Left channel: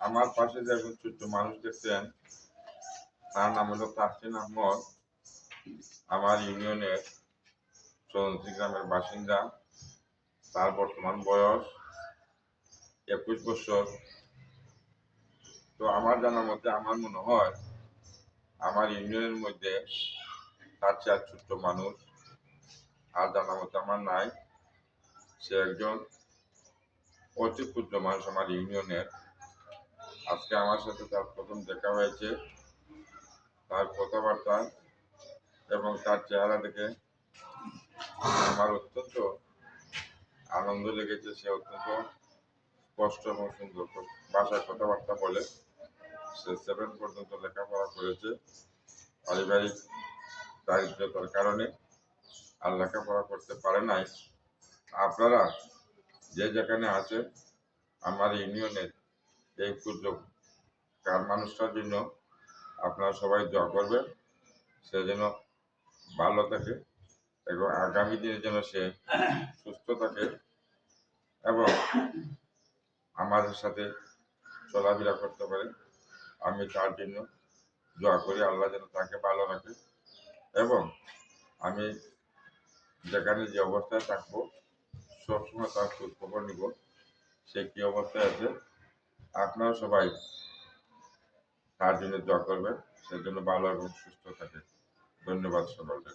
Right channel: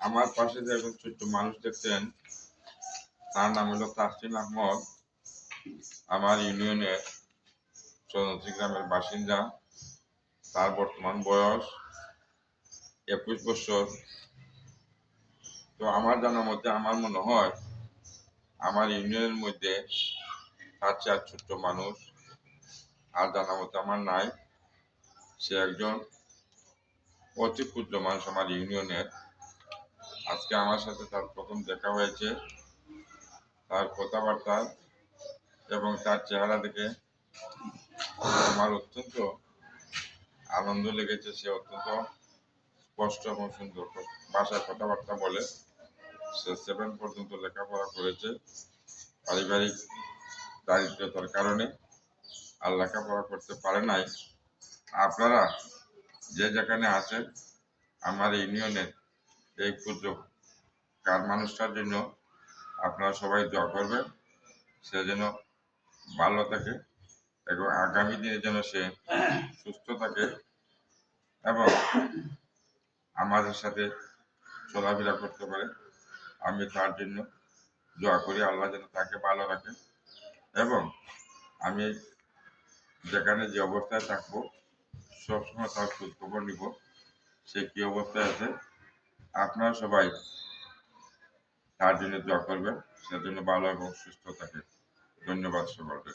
আমার পাশে যে একজন ছোট্ট মানুষ দেখছেন, তার নাম হলো তাসলিম আহমদ। আমার ইউনিয়নের চৌধুরী গ্রামের বাসিন্দা। তার বর্তমান বয়স 21 বছর। তো আমার জানার মধ্যে আমার মনে হয় আমার ইউনিয়নের মধ্যে তার চেয়ে ছোট্ট মানুষ আর জানার মধ্যে আমার নাই। সে একজন অতি ক্ষুদ্র মানুষ আমার ইউনিয়নের। আজকে আমার সাথে তার প্রথম দেখা হয়েছে। তার কথাবার্তা এবং তার চেহারা দেখে আমার অত্যন্ত আনন্দ লেগেছে। সে অত্যন্ত স্পষ্ট এবং সুন্দর ভাষায় কথাবার্তা বলে। সে 7 পর্যন্ত লেখাপড়া করেছে। পারিবারিক দারিদ্রতার কারণে আর লেখাপড়া করতে পারে নাই। আপনারা যে যেখানে আছেন আমার ইউনিয়নের এই ক্ষুদ্র মানুষটার জন্য আপনারা সবাই দোয়া করবেন। সে যেন ভালো থাকে এবং আগামী দিনে যেন সে সুস্থ থাকে এবং আমাদের সাথে চলাফেরা করতে পারে। আমি তার জন্য দোয়া করি, আল্লাহ যেন তাকে ভালো রাখে এবং আমি যেখানে যে অবস্থায় থাকবো সবসময় তার খোঁজ খবর নিব, সে কী অবস্থায় আছে। আপনারা সবাই তার জন্য দোয়া করবেন, সে যেন ভালো এবং সুস্থ থাকে। ধন্যবাদ সকলকে।